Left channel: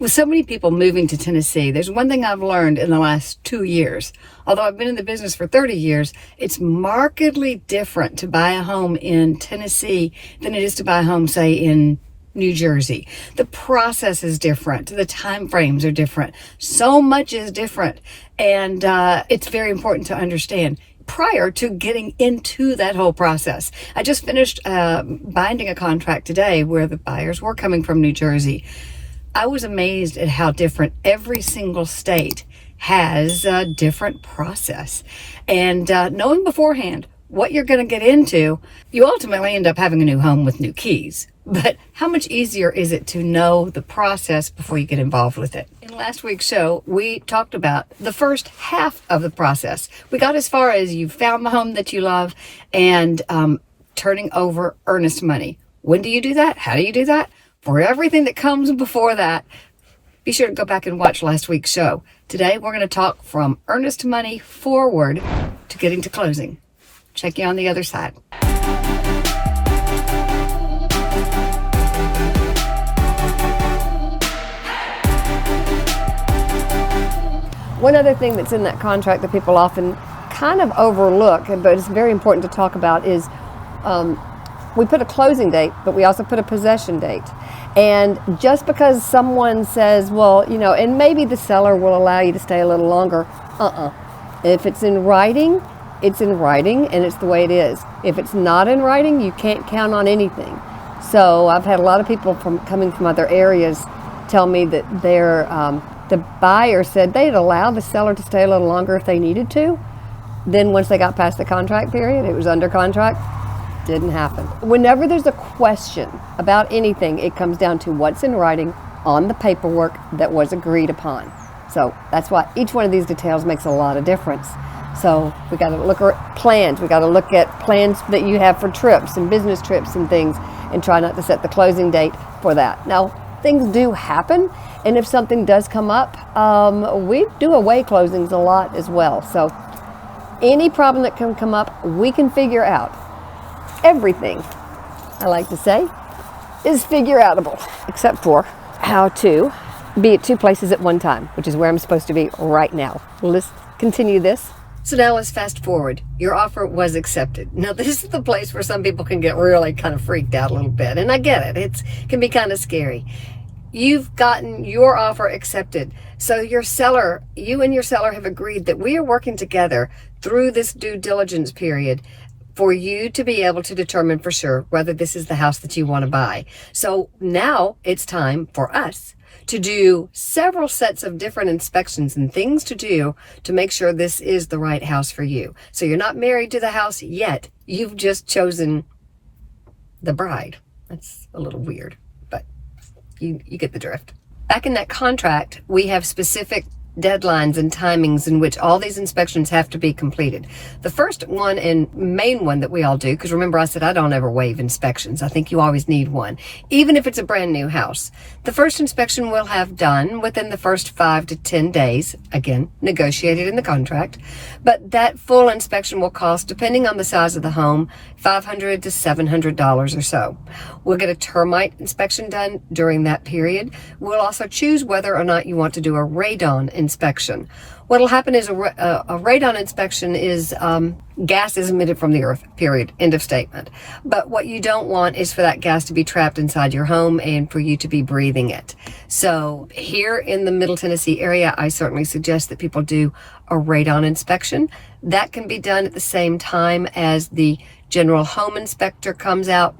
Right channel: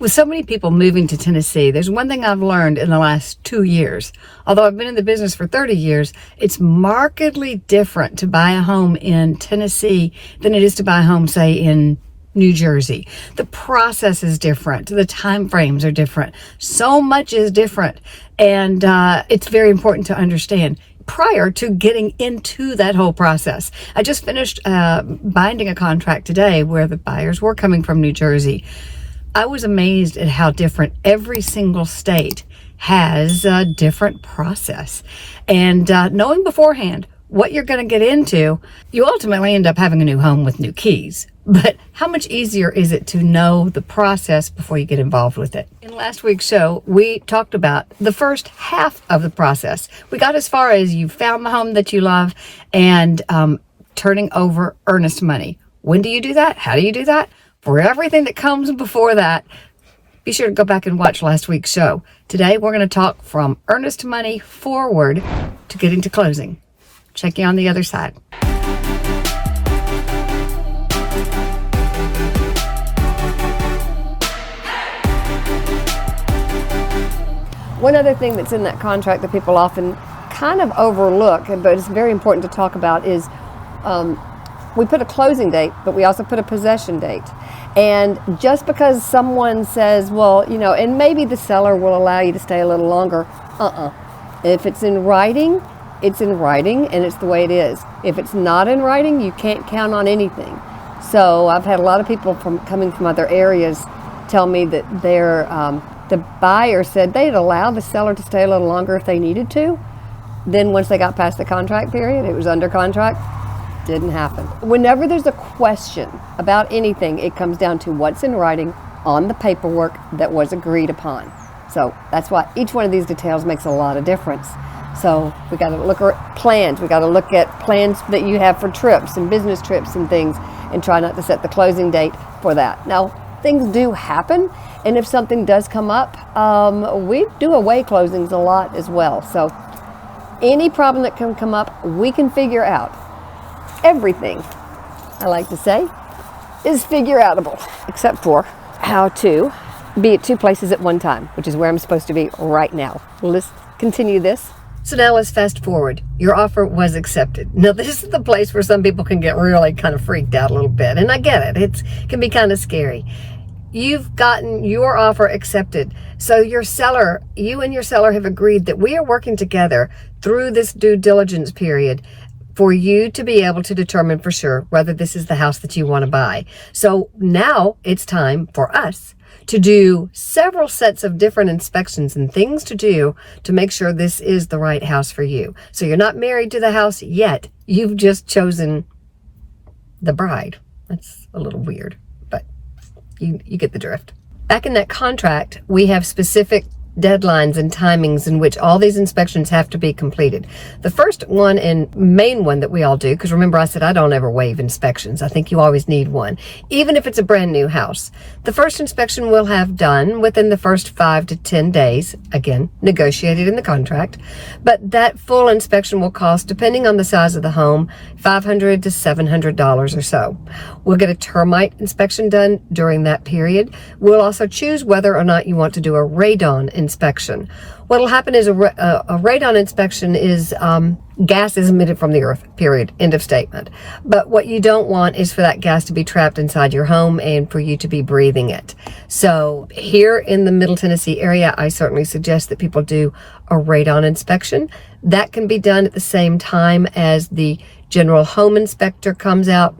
With so many people moving to Tennessee, there's one thing I've learned in the last 2 years. Although I've been in the business for 30 years, it's markedly different to buy a home in Tennessee than it is to buy a home, say, in New Jersey. The process is different. The time frames are different. So much is different. And it's very important to understand prior to getting into that whole process. I just finished binding a contract today where the buyers were coming from New Jersey. I was amazed at how different every single state has a different process. And knowing beforehand what you're going to get into, you ultimately end up having a new home with new keys. But how much easier is it to know the process before you get involved with it? In last week's show, we talked about the first half of the process. We got as far as you found the home that you love and turning over earnest money. When do you do that? How do you do that? For everything that comes before that, be sure to go back and watch last week's show. Today, we're going to talk from earnest money forward to get into closing. Check you on the other side. One other thing that's in that contract that people often kind of overlook, but it's very important to talk about, is we put a closing date, but we also put a possession date. And just because someone says, well, you know, and maybe the seller will allow you to stay a little longer, If it's in writing, it's in writing, and it's the way it is. If it's not in writing, you can't count on anything. So I've had a lot of people coming from other areas tell me that the buyer said they'd allow the seller to stay a little longer if they needed to. Then once they got past the contract period, it was under contract. Didn't happen. Whenever there's a question about anything, it comes down to what's in writing on the paperwork that was agreed upon. So that's why each one of these details makes a lot of difference. So we got to look at plans. We got to look at plans that you have for trips and business trips and things, and try not to set the closing date for that. Now, things do happen, and if something does come up, we do away closings a lot as well. So any problem that can come up, we can figure out. Everything, I like to say, is figure-outable, except for how to be at two places at one time, which is where I'm supposed to be right now. Let's continue this. So now let's fast forward. Your offer was accepted. Now this is the place where some people can get really kind of freaked out a little bit, and I get it. It can be kind of scary. You've gotten your offer accepted. So your seller, you and your seller have agreed that we are working together through this due diligence period for you to be able to determine for sure whether this is the house that you want to buy. So now it's time for us to do several sets of different inspections and things to do to make sure this is the right house for you. So you're not married to the house yet. You've just chosen the bride. That's a little weird, but you get the drift. Back in that contract, we have specific deadlines and timings in which all these inspections have to be completed. The first one and main one that we all do, because remember I said I don't ever waive inspections. I think you always need one, even if it's a brand new house. The first inspection we'll have done within the first 5 to 10 days, again, negotiated in the contract, but that full inspection will cost, depending on the size of the home, $500 to $700 or so. We'll get a termite inspection done during that period. We'll also choose whether or not you want to do a radon inspection. What'll happen is a radon inspection is gas is emitted from the earth, period, end of statement. But what you don't want is for that gas to be trapped inside your home and for you to be breathing it. So here in the Middle Tennessee area, I certainly suggest that people do a radon inspection. That can be done at the same time as the general home inspector comes out,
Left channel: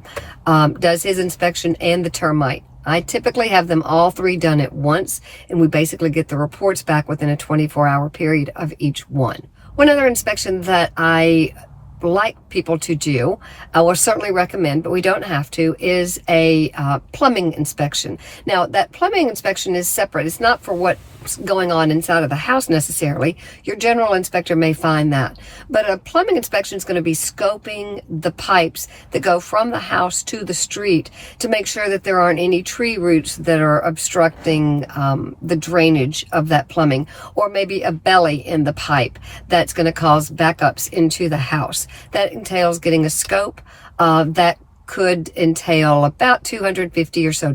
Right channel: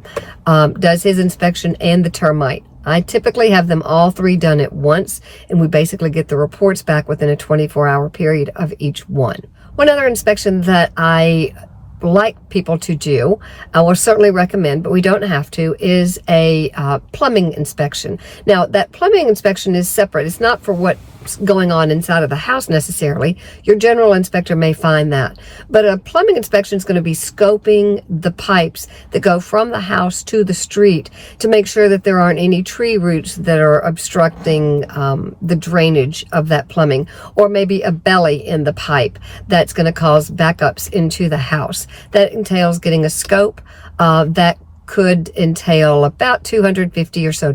does his inspection, and the termite. I typically have them all three done at once, and we basically get the reports back within a 24-hour period of each one. One other inspection that I like people to do, I will certainly recommend, but we don't have to, is a plumbing inspection. Now, that plumbing inspection is separate. It's not for what's going on inside of the house necessarily. Your general inspector may find that. But a plumbing inspection is going to be scoping the pipes that go from the house to the street to make sure that there aren't any tree roots that are obstructing the drainage of that plumbing, or maybe a belly in the pipe that's going to cause backups into the house. That entails getting a scope that could entail about $250 or so.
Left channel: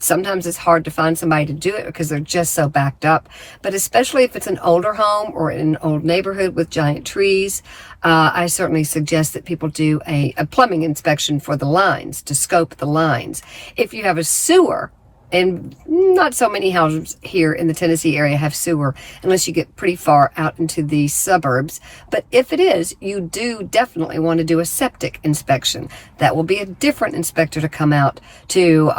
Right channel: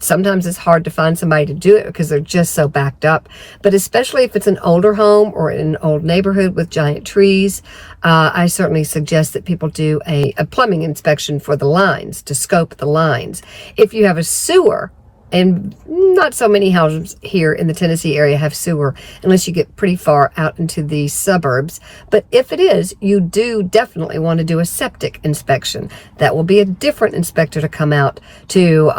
Sometimes it's hard to find somebody to do it because they're just so backed up. But especially if it's an older home or in an old neighborhood with giant trees, I certainly suggest that people do a plumbing inspection for the lines, to scope the lines. If you have a sewer, and not so many houses here in the Tennessee area have sewer unless you get pretty far out into the suburbs. But if it is, you do definitely want to do a septic inspection. That will be a different inspector to come out to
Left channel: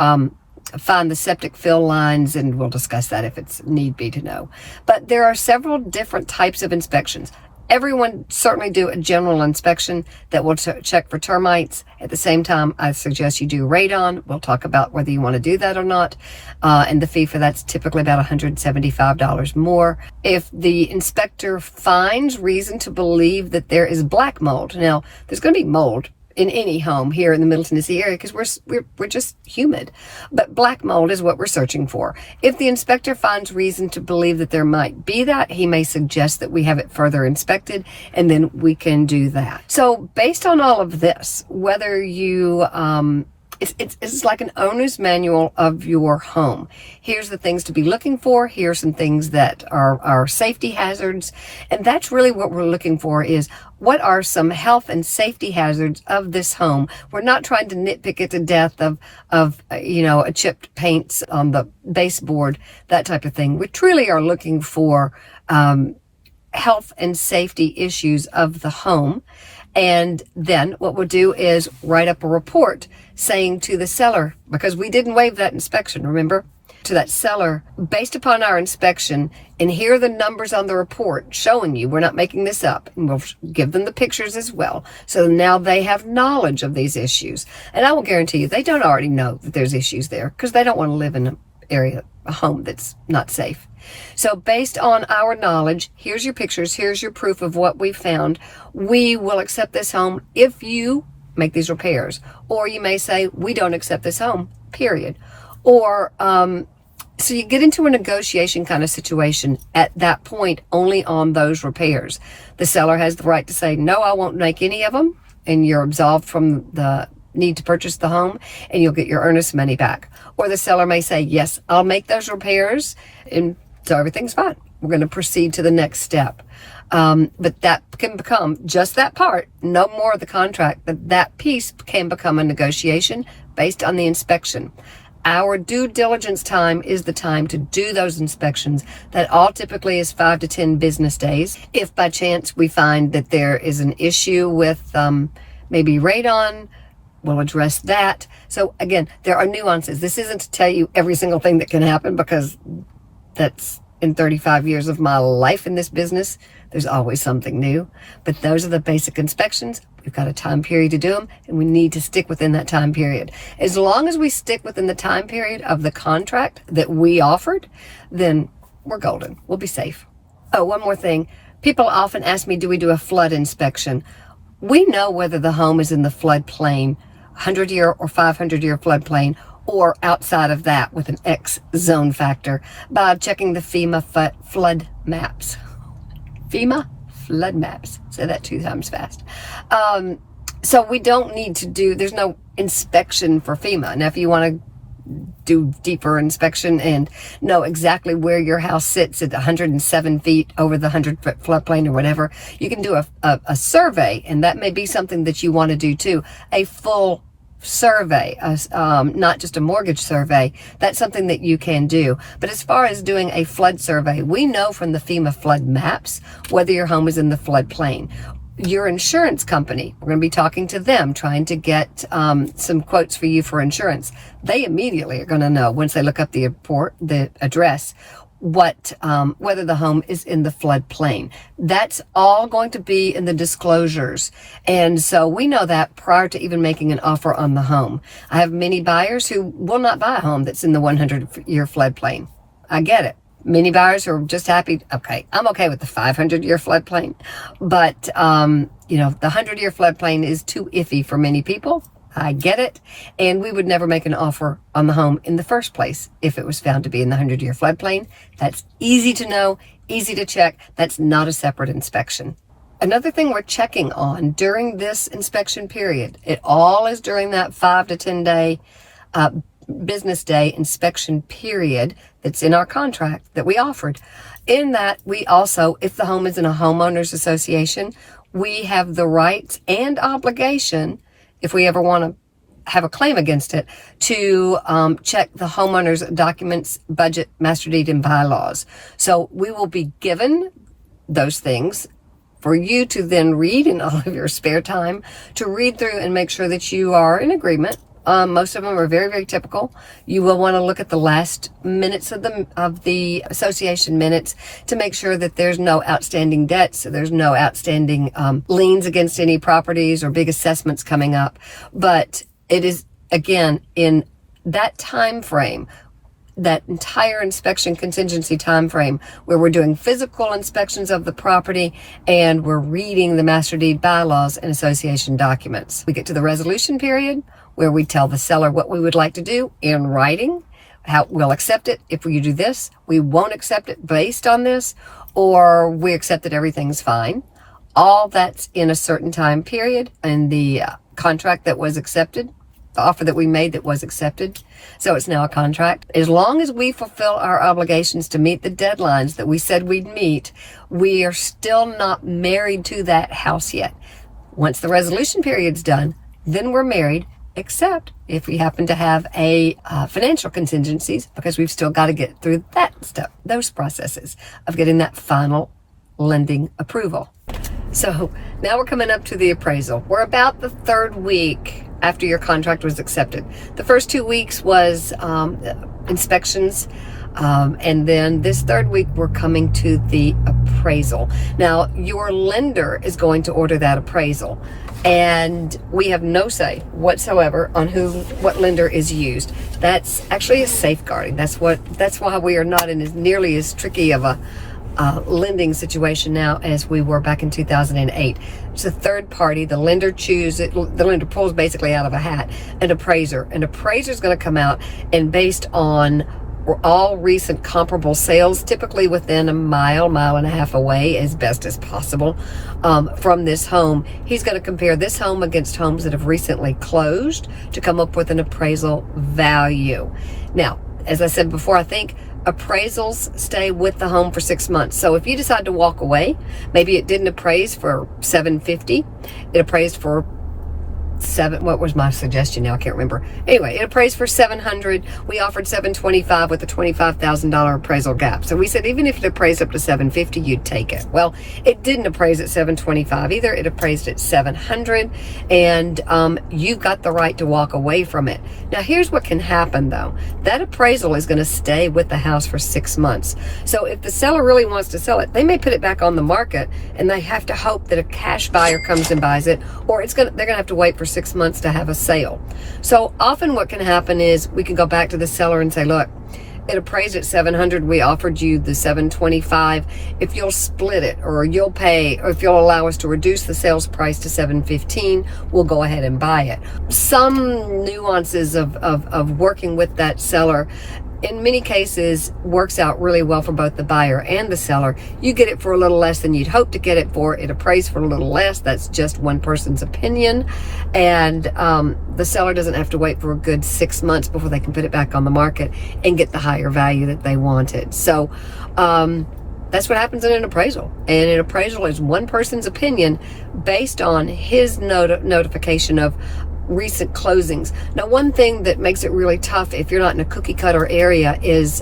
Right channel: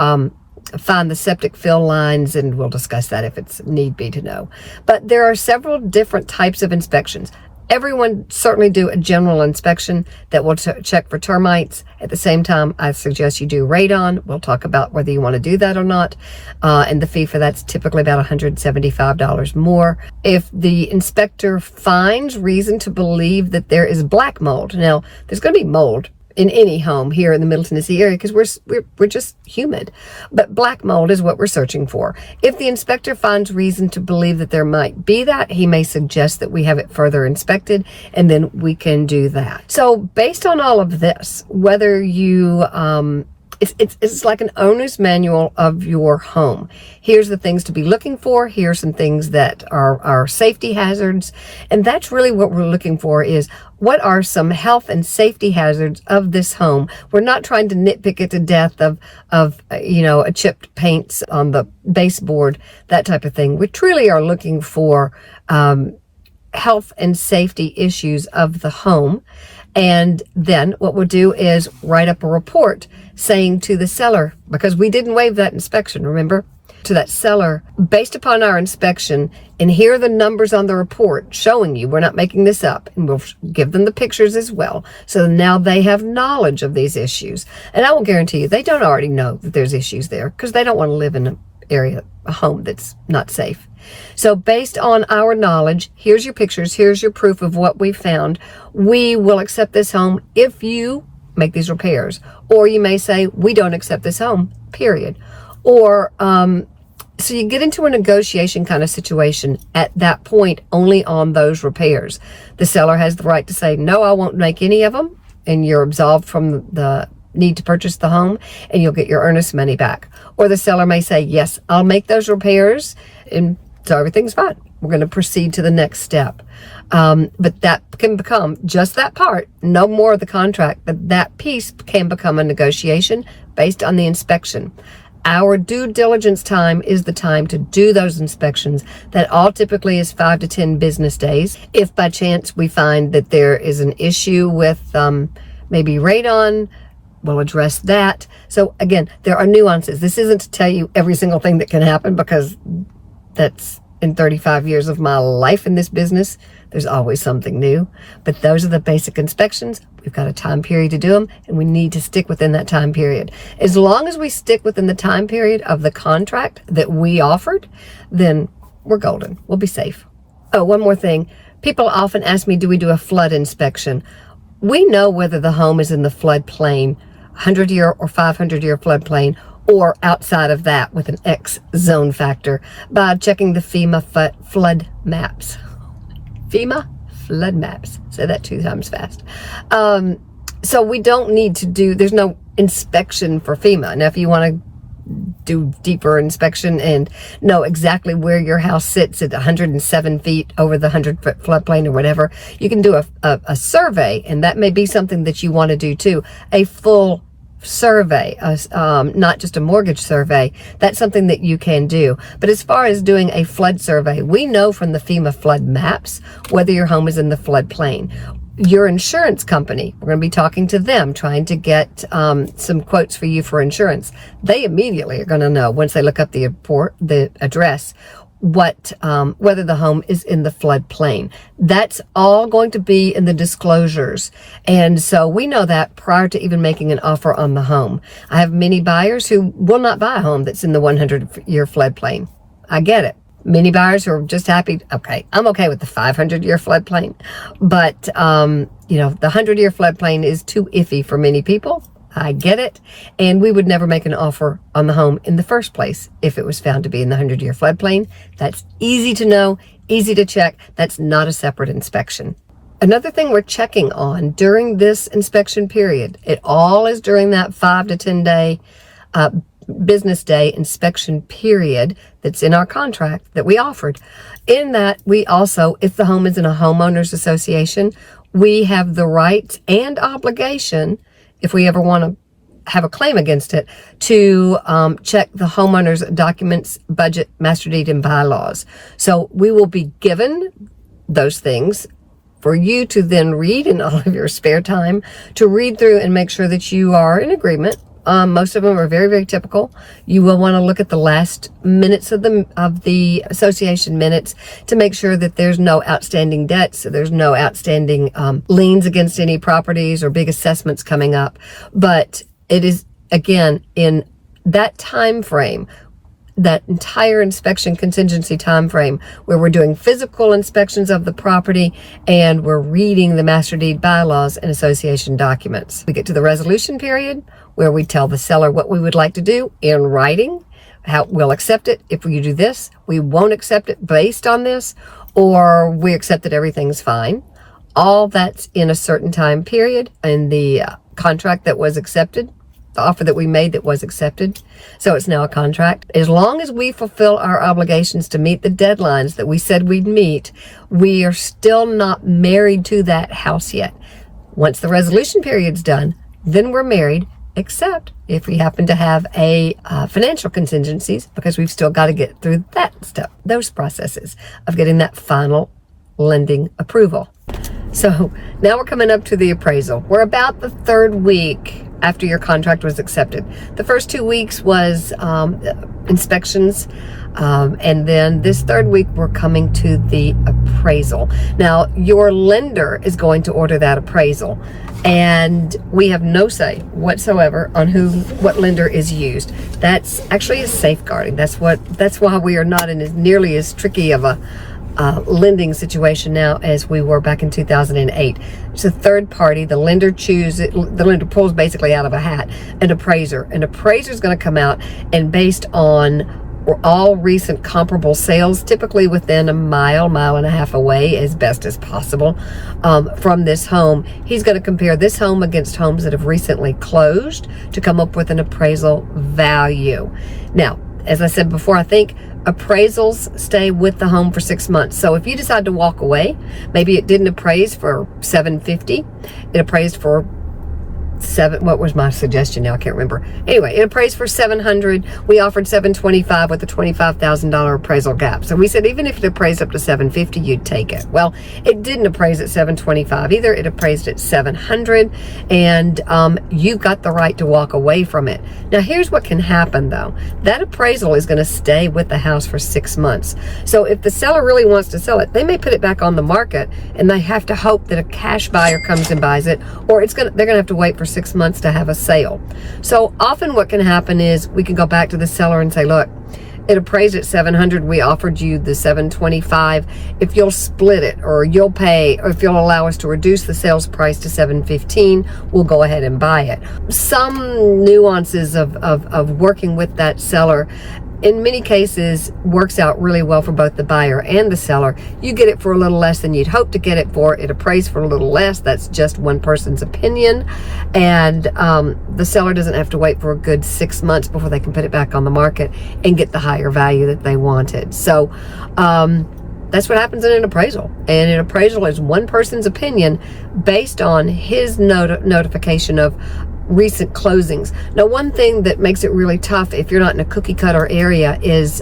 find the septic fill lines, and we'll discuss that if it's need be to know. But there are several different types of inspections. Everyone certainly do a general inspection that will check for termites. At the same time, I suggest you do radon. We'll talk about whether you want to do that or not. And the fee for that's typically about $175 more. If the inspector finds reason to believe that there is black mold, now there's going to be mold in any home here in the Middle Tennessee area because we're just humid. But black mold is what we're searching for. If the inspector finds reason to believe that there might be that, he may suggest that we have it further inspected, and then we can do that. So based on all of this, whether you it's like an owner's manual of your home. Here's the things to be looking for. Here's some things that are safety hazards. And that's really what we're looking for, is what are some health and safety hazards of this home. We're not trying to nitpick it to death of a chipped paints on the baseboard, that type of thing. We truly are looking for health and safety issues of the home. And then what we'll do is write up a report saying to the seller, because we didn't waive that inspection, remember, to that seller, based upon our inspection, and here are the numbers on the report showing you, we're not making this up, and we'll give them the pictures as well. So now they have knowledge of these issues. And I will guarantee you, they don't already know that there's issues there because they don't want to live in a home that's not safe. So based on our knowledge, here's your pictures, here's your proof of what we found. We will accept this home if you make these repairs. Or you may say, we don't accept this home, period. Or, so you get into a negotiation kind of situation at that point only on those repairs. The seller has the right to say, no, I won't make any of them, and you're absolved from the need to purchase the home, and you'll get your earnest money back. Or the seller may say, yes, I'll make those repairs, and so everything's fine. We're going to proceed to the next step. But that can become just that part, no more of the contract, but that piece can become a negotiation based on the inspection. Our due diligence time is the time to do those inspections. That all typically is 5 to 10 business days. If by chance we find that there is an issue with maybe radon, we'll address that. So again, there are nuances. This isn't to tell you every single thing that can happen, because that's in 35 years of my life in this business. There's always something new. But those are the basic inspections. We've got a time period to do them, and we need to stick within that time period. As long as we stick within the time period of the contract that we offered, then we're golden. We'll be safe. Oh, one more thing. People often ask me, do we do a flood inspection? We know whether the home is in the floodplain, 100-year or 500-year floodplain, or outside of that with an X zone factor by checking the FEMA flood maps. FEMA flood maps. Say that 2 times fast. So we don't need to there's no inspection for FEMA. Now, if you want to do deeper inspection and know exactly where your house sits at 107 feet over the 100-foot floodplain or whatever, you can do a survey, and that may be something that you want to do too. A full survey, not just a mortgage survey. That's something that you can do. But as far as doing a flood survey, we know from the FEMA flood maps whether your home is in the floodplain. Your insurance company, we're going to be talking to them, trying to get some quotes for you for insurance. They immediately are going to know, once they look up the address, whether the home is in the floodplain. That's all going to be in the disclosures. And so we know that prior to even making an offer on the home. I have many buyers who will not buy a home that's in the 100-year floodplain. I get it. Many buyers are just happy. Okay, I'm okay with the 500-year floodplain, but the 100-year floodplain is too iffy for many people. I get it. And we would never make an offer on the home in the first place if it was found to be in the 100-year floodplain. That's easy to know, easy to check. That's not a separate inspection. Another thing we're checking on during this inspection period, it all is during that 5 to 10 day business day inspection period that's in our contract that we offered. In that, we also, if the home is in a homeowners association, we have the right and obligation, if we ever want to have a claim against it, to check the homeowner's documents, budget, master deed, and bylaws. So we will be given those things for you to then read in all of your spare time, to read through and make sure that you are in agreement. Most of them are very, very typical. You will want to look at the last minutes of the association minutes to make sure that there's no outstanding debts, so there's no outstanding liens against any properties or big assessments coming up. But it is, again, in that time frame, that entire inspection contingency time frame, where we're doing physical inspections of the property and we're reading the master deed, bylaws, and association documents. We get to the resolution period, where we tell the seller what we would like to do in writing, how we'll accept it if you do this, we won't accept it based on this, or we accept that everything's fine. All that's in a certain time period in the contract that was accepted, the offer that we made that was accepted. So it's now a contract. As long as we fulfill our obligations to meet the deadlines that we said we'd meet, we are still not married to that house yet. Once the resolution period's done, then we're married, except if we happen to have a financial contingencies, because we've still got to get through that stuff, those processes of getting that final lending approval. So now we're coming up to the appraisal. We're about the third week after your contract was accepted. The first 2 weeks was inspections, and then this third week we're coming to the appraisal. Now your lender is going to order that appraisal, and we have no say whatsoever on what lender is used. That's actually a safeguarding. That's why we are not in as nearly as tricky of a lending situation now as we were back in 2008. It's a third party. The lender pulls basically out of a hat an appraiser. An appraiser is going to come out, and based on all recent comparable sales, typically within a mile and a half away as best as possible from this home, he's going to compare this home against homes that have recently closed to come up with an appraisal value. Now, as I said before, I think appraisals stay with the home for 6 months. So if you decide to walk away, maybe it didn't appraise for $750, it appraised for what was my suggestion now? I can't remember. Anyway, it appraised for $700. We offered $725 with a $25,000 appraisal gap. So we said even if it appraised up to $750, you'd take it. Well, it didn't appraise at $725 either. It appraised at $700, and you got the right to walk away from it. Now, here's what can happen though. That appraisal is going to stay with the house for 6 months. So if the seller really wants to sell it, they may put it back on the market, and they have to hope that a cash buyer comes and buys it, or they're going to have to wait for 6 months to have a sale. So often what can happen is we can go back to the seller and say, look, it appraised at $700. We offered you the $725. If you'll split it, or you'll pay, or if you'll allow us to reduce the sales price to $715, we'll go ahead and buy it. Some nuances of working with that seller in many cases works out really well for both the buyer and the seller. You get it for a little less than you'd hope to get it for. It appraised for a little less. That's just one person's opinion. And the seller doesn't have to wait for a good 6 months before they can put it back on the market and get the higher value that they wanted. So that's what happens in an appraisal. And an appraisal is one person's opinion based on his notification of recent closings. Now, one thing that makes it really tough if you're not in a cookie cutter area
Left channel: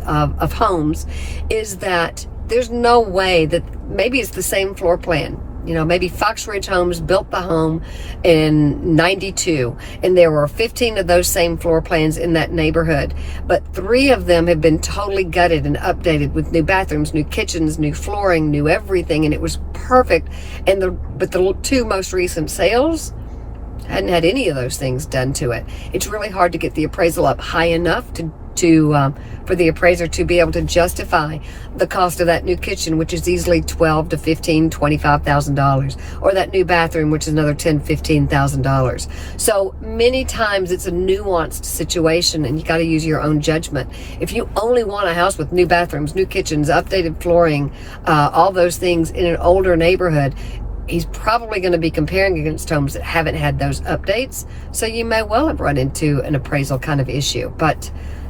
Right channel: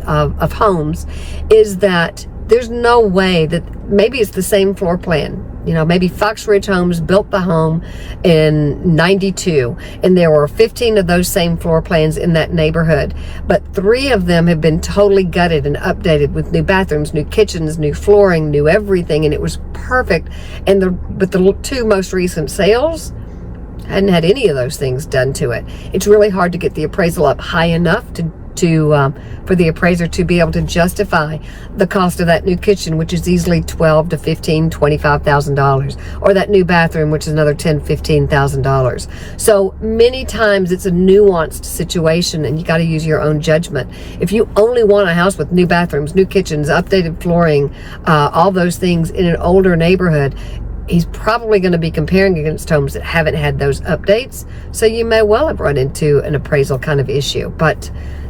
of homes is that there's no way that maybe it's the same floor plan. You know, maybe Fox Ridge Homes built the home in 92, and there were 15 of those same floor plans in that neighborhood, but 3 of them have been totally gutted and updated with new bathrooms, new kitchens, new flooring, new everything, and it was perfect. But the 2 most recent sales hadn't had any of those things done to it. It's really hard to get the appraisal up high enough for the appraiser to be able to justify the cost of that new kitchen, which is easily $12,000 to $15,000, $25,000, or that new bathroom, which is another $10,000, $15,000. So many times it's a nuanced situation, and you got to use your own judgment. If you only want a house with new bathrooms, new kitchens, updated flooring, all those things in an older neighborhood, he's probably going to be comparing against homes that haven't had those updates. So you may well have run into an appraisal kind of issue. But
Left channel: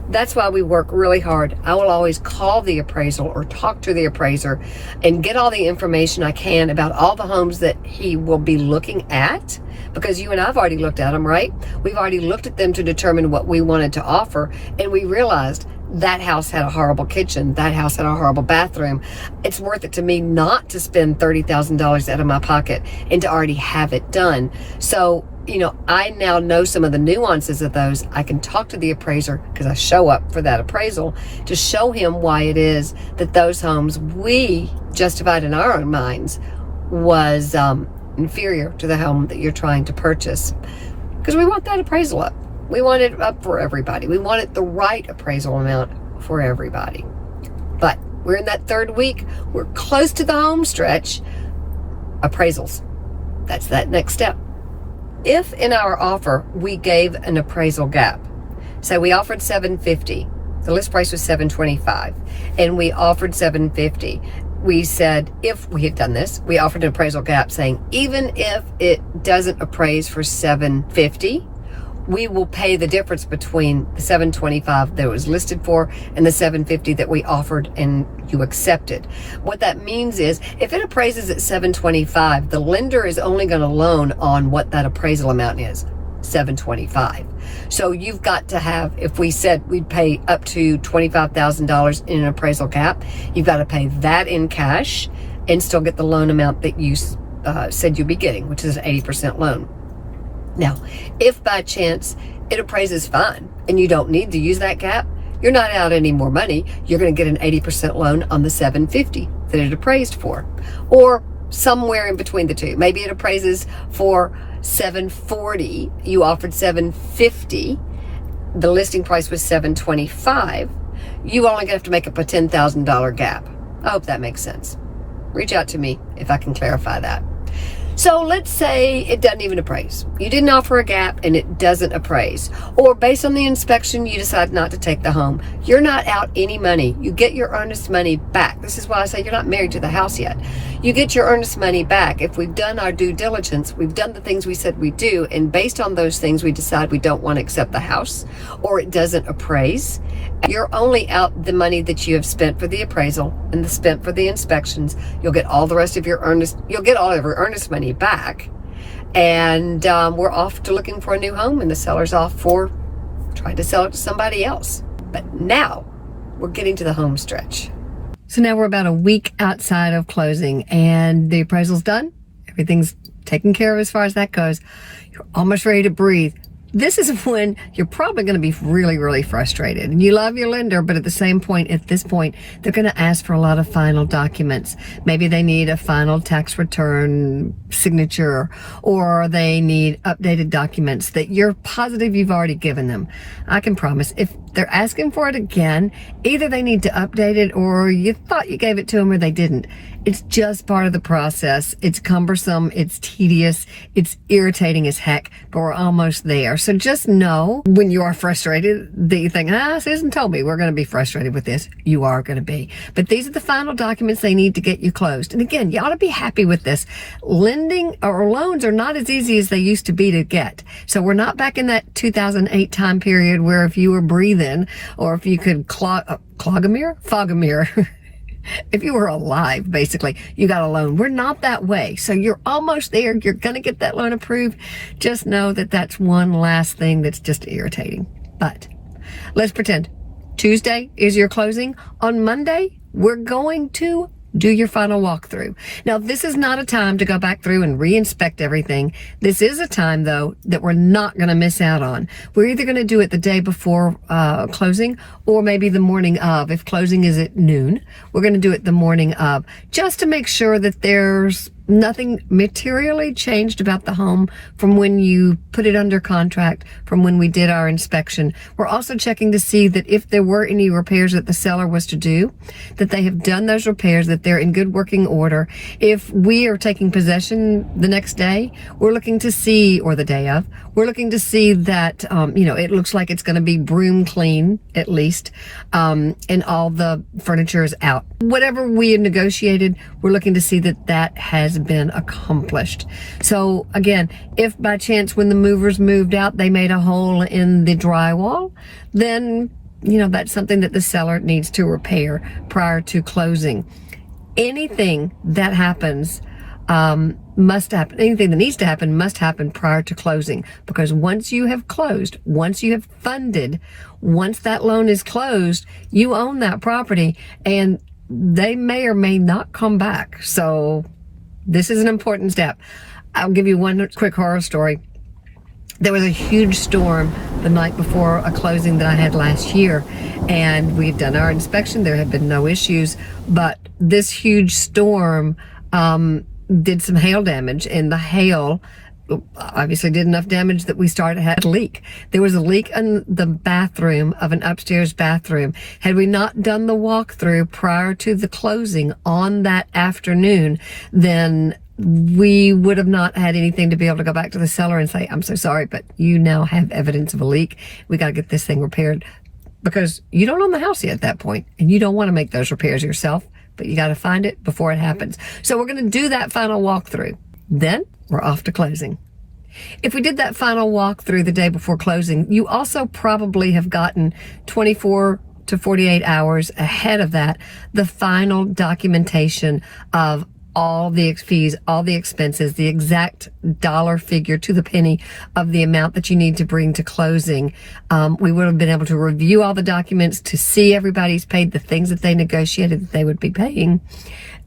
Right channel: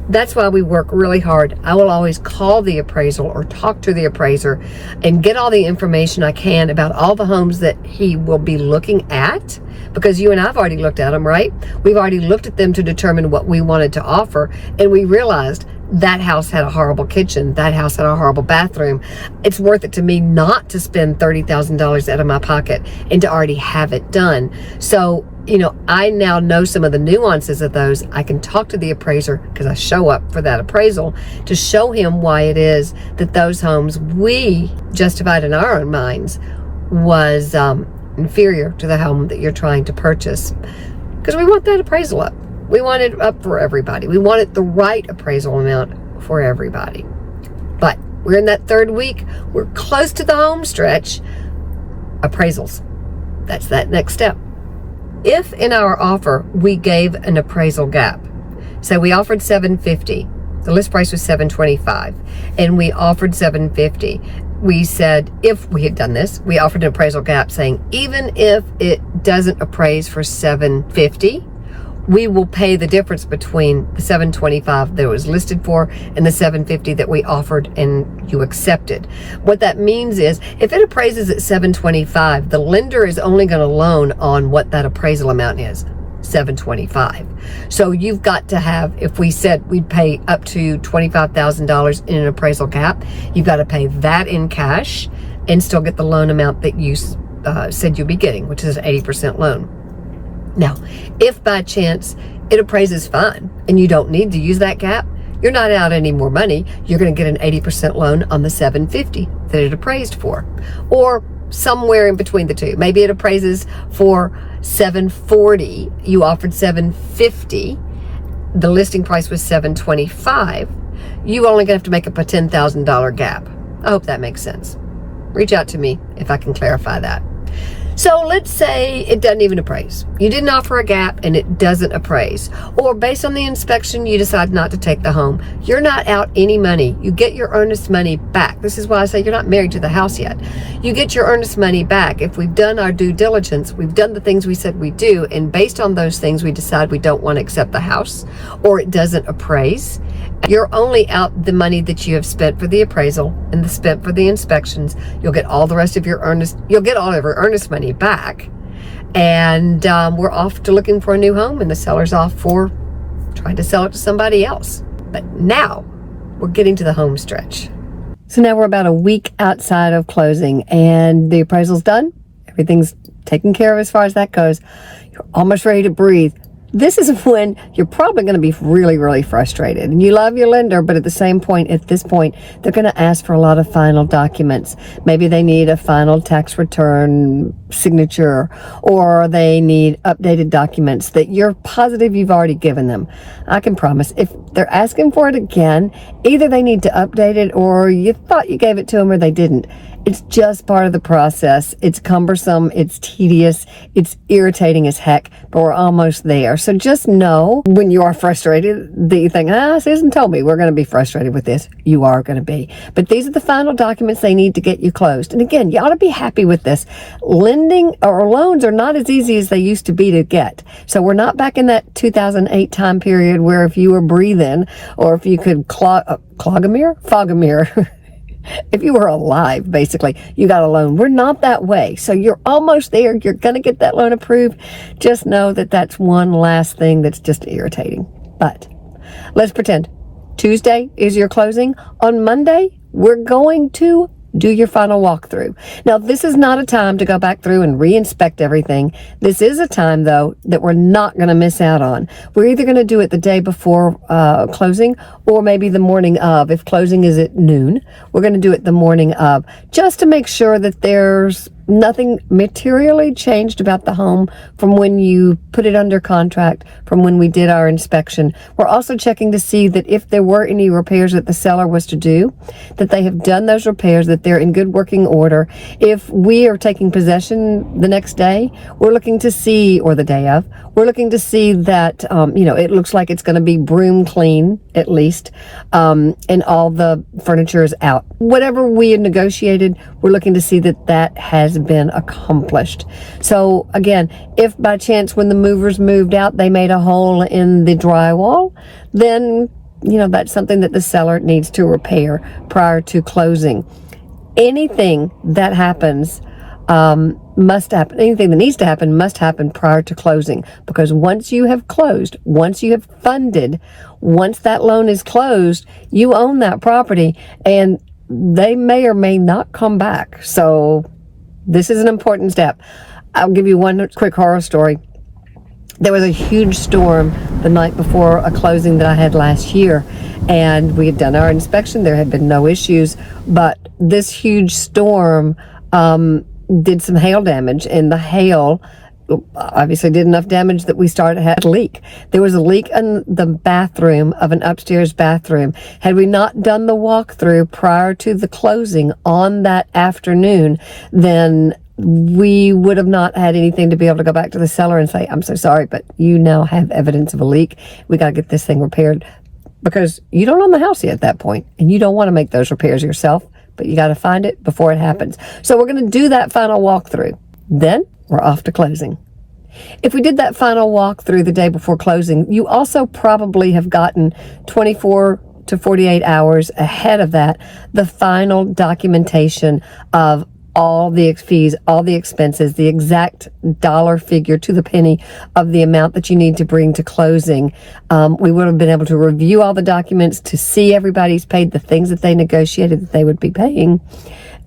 that's why we work really hard. I will always call the appraisal or talk to the appraiser and get all the information I can about all the homes that he will be looking at, because you and I have already looked at them, right? We've already looked at them to determine what we wanted to offer, and we realized that house had a horrible kitchen, that house had a horrible bathroom. It's worth it to me not to spend $30,000 out of my pocket and to already have it done. So, you know, I now know some of the nuances of those. I can talk to the appraiser, because I show up for that appraisal, to show him why it is that those homes we justified in our own minds was inferior to the home that you're trying to purchase. Because we want that appraisal up. We want it up for everybody. We want it the right appraisal amount for everybody. But we're in that third week. We're close to the home stretch. Appraisals. That's that next step. If in our offer we gave an appraisal gap, so we offered $750, the list price was $725, and we offered $750. We said, if we had done this, we offered an appraisal gap saying, even if it doesn't appraise for $750, we will pay the difference between the $725 that it was listed for and the $750 that we offered and you accepted. What that means is, if it appraises at $725, the lender is only going to loan on what that appraisal amount is, $725. So you've got to have, if we said we'd pay up to $25,000 in an appraisal gap, you've got to pay that in cash and still get the loan amount that you said you'd be getting, which is an 80% loan. Now, if by chance it appraises fine and you don't need to use that gap, you're not out any more money. You're going to get an 80% loan on the $750 that it appraised for, or somewhere in between the two. Maybe it appraises for $740. You offered $750. The listing price was $725. You only going to have to make up a $10,000 gap. I hope that makes sense. Reach out to me if I can clarify that. So let's say it doesn't even appraise. You didn't offer a gap and it doesn't appraise. Or based on the inspection, you decide not to take the home. You're not out any money. You get your earnest money back. This is why I say you're not married to the house yet. You get your earnest money back. If we've done our due diligence, we've done the things we said we do, and based on those things, we decide we don't want to accept the house or it doesn't appraise, you're only out the money that you have spent for the appraisal and the spent for the inspections. You'll get all the rest of your earnest, you'll get all of your earnest money back. And we're off to looking for a new home, and the seller's off for trying to sell it to somebody else. But now we're getting to the home stretch. So now we're about a week outside of closing, and the appraisal's done. Everything's taken care of as far as that goes. You're almost ready to breathe. This is when you're probably going to be really, really frustrated. And you love your lender, but at the same point, at this point, they're going to ask for a lot of final documents. Maybe they need a final tax return signature, or they need updated documents that you're positive you've already given them. I can promise, if they're asking for it again, either they need to update it, or you thought you gave it to them or they didn't. It's just part of the process. It's cumbersome, it's tedious, it's irritating as heck, but we're almost there. So just know when you are frustrated that you think, Susan told me we're going to be frustrated with this. You are going to be. But these are the final documents they need to get you closed. And again, you ought to be happy with this. Lending or loans are not as easy as they used to be to get. So we're not back in that 2008 time period where if you were breathing, or if you could fog a mirror. If you were alive, basically, you got a loan. We're not that way. So you're almost there. You're going to get that loan approved. Just know that that's one last thing that's just irritating. But let's pretend Tuesday is your closing. On Monday, we're going to do your final walkthrough. Now, this is not a time to go back through and re-inspect everything. This is a time, though, that we're not going to miss out on. We're either going to do it the day before closing, or maybe the morning of. If closing is at noon, we're going to do it the morning of, just to make sure that there's nothing materially changed about the home from when you put it under contract, from when we did our inspection. We're also checking to see that if there were any repairs that the seller was to do, that they have done those repairs, that they're in good working order. If we are taking possession the next day, we're looking to see, or the day of, we're looking to see that, it looks like it's going to be broom clean, at least, and all the furniture is out. Whatever we had negotiated, we're looking to see that that has has been accomplished. So again, if by chance when the movers moved out, they made a hole in the drywall, then, that's something that the seller needs to repair prior to closing. Anything that happens must happen. Anything that needs to happen must happen prior to closing, because once you have closed, once you have funded, once that loan is closed, you own that property, and they may or may not come back. So this is an important step. I'll give you one quick horror story. There was a huge storm the night before a closing that I had last year, and we had done our inspection. There had been no issues, but this huge storm did some hail damage, and the hail obviously did enough damage that we had a leak. There was a leak in the bathroom of an upstairs bathroom. Had we not done the walkthrough prior to the closing on that afternoon, then we would have not had anything to be able to go back to the seller and say, I'm so sorry, but you now have evidence of a leak. We got to get this thing repaired, because you don't own the house yet at that point, and you don't want to make those repairs yourself, but you got to find it before it happens. So we're going to do that final walkthrough. Then we're off to closing. If we did that final walkthrough the day before closing, you also probably have gotten 24 to 48 hours ahead of that the final documentation of all the fees, all the expenses, the exact dollar figure to the penny of the amount that you need to bring to closing. We would have been able to review all the documents to see everybody's paid the things that they negotiated that they would be paying.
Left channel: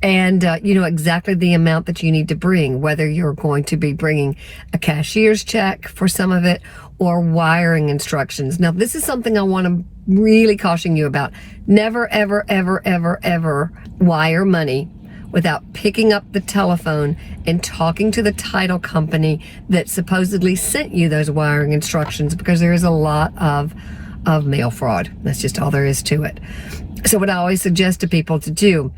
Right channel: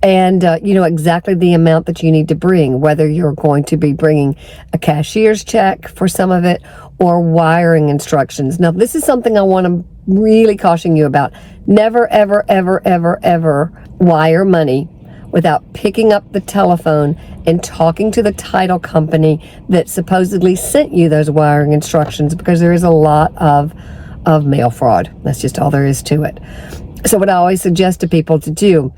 And exactly the amount that you need to bring, whether you're going to be bringing a cashier's check for some of it or wiring instructions. Now, this is something I want to really caution you about. Never, ever, ever, ever, ever wire money without picking up the telephone and talking to the title company that supposedly sent you those wiring instructions, because there is a lot of mail fraud. That's just all there is to it. So what I always suggest to people to do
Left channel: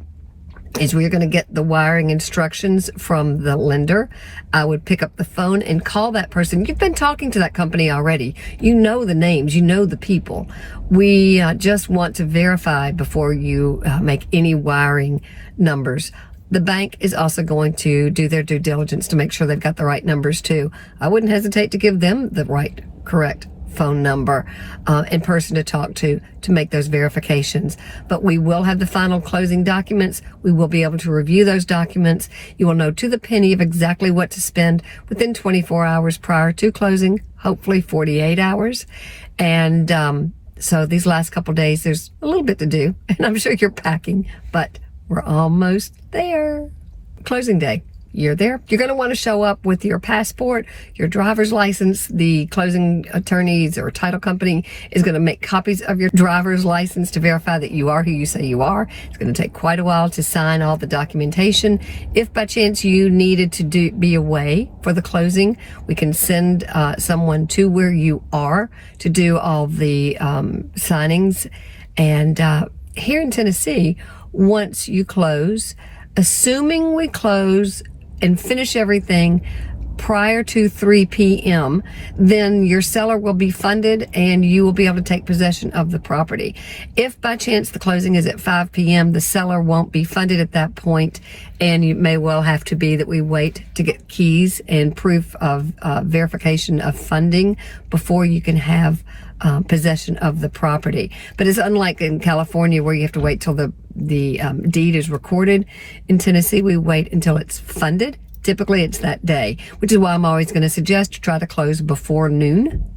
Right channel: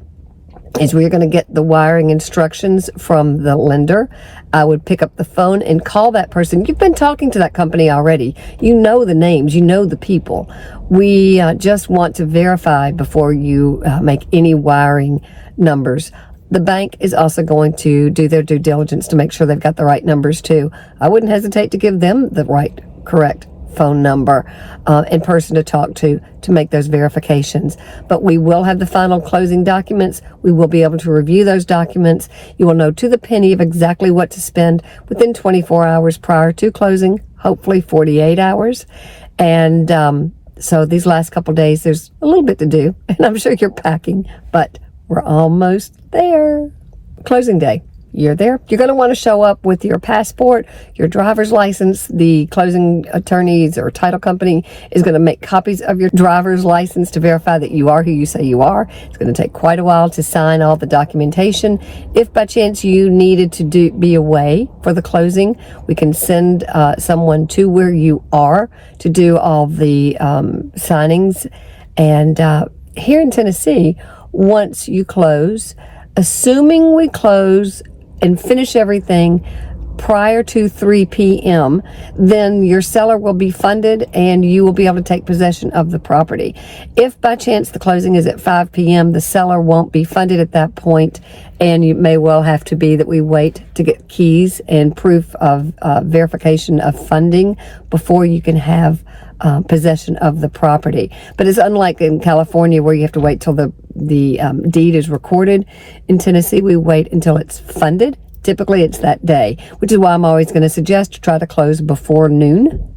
is, we're going to get the wiring instructions from the lender. I would pick up the phone and call that person. You've been talking to that company already. You know the names, you know the people. We just want to verify before you make any wiring numbers. The bank is also going to do their due diligence to make sure they've got the right numbers too. I wouldn't hesitate to give them the right, correct phone number and person to talk to make those verifications. But we will have the final closing documents. We will be able to review those documents. You will know to the penny of exactly what to spend within 24 hours prior to closing, hopefully 48 hours. And so these last couple of days, there's a little bit to do, and I'm sure you're packing, but we're almost there. Closing day. You're there. You're going to want to show up with your passport, your driver's license. The closing attorneys or title company is going to make copies of your driver's license to verify that you are who you say you are. It's going to take quite a while to sign all the documentation. If by chance you needed to be away for the closing, we can send someone to where you are to do all the signings. And here in Tennessee, once you close, assuming we close and finish everything prior to 3 p.m., then your seller will be funded and you will be able to take possession of the property. If by chance the closing is at 5 p.m., the seller won't be funded at that point, and it may well have to be that we wait to get keys and proof of verification of funding before you can have possession of the property. But it's unlike in California, where you have to wait till the deed is recorded. In Tennessee, we wait until it's funded. Typically, it's that day, which is why I'm always going to suggest to try to close before noon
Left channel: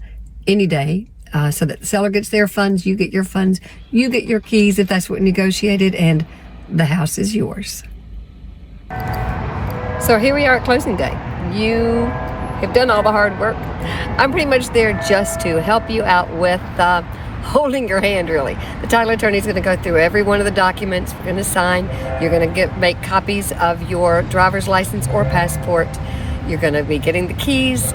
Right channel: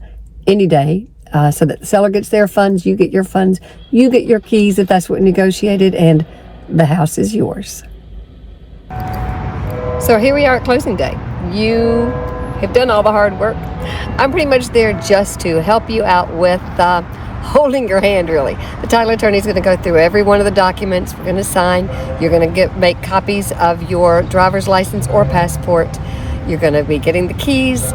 any day, so that the seller gets their funds, you get your funds, you get your keys if that's what negotiated, and the house is yours. So here we are at closing day. You have done all the hard work. I'm pretty much there just to help you out with holding your hand, really. The title attorney is going to go through every one of the documents we're going to sign. You're going to make copies of your driver's license or passport. You're going to be getting the keys.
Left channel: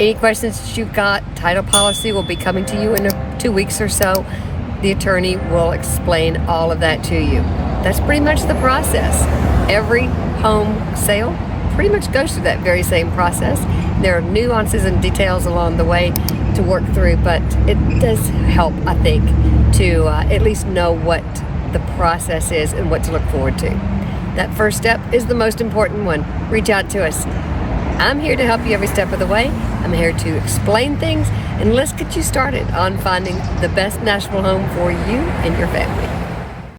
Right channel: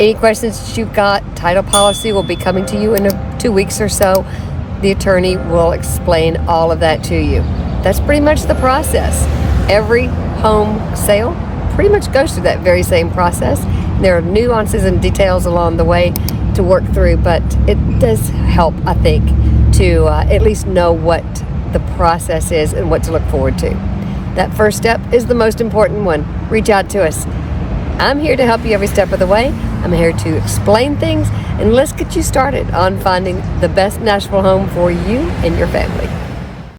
Any questions that you've got, title policy will be coming to you in 2 weeks or so. The attorney will explain all of that to you. That's pretty much the process. Every home sale pretty much goes through that very same process. There are nuances and details along the way to work through, but it does help, I think, to at least know what the process is and what to look forward to. That first step is the most important one. Reach out to us. I'm here to help you every step of the way. I'm here to explain things, and let's get you started on finding the best Nashville home for you and your family.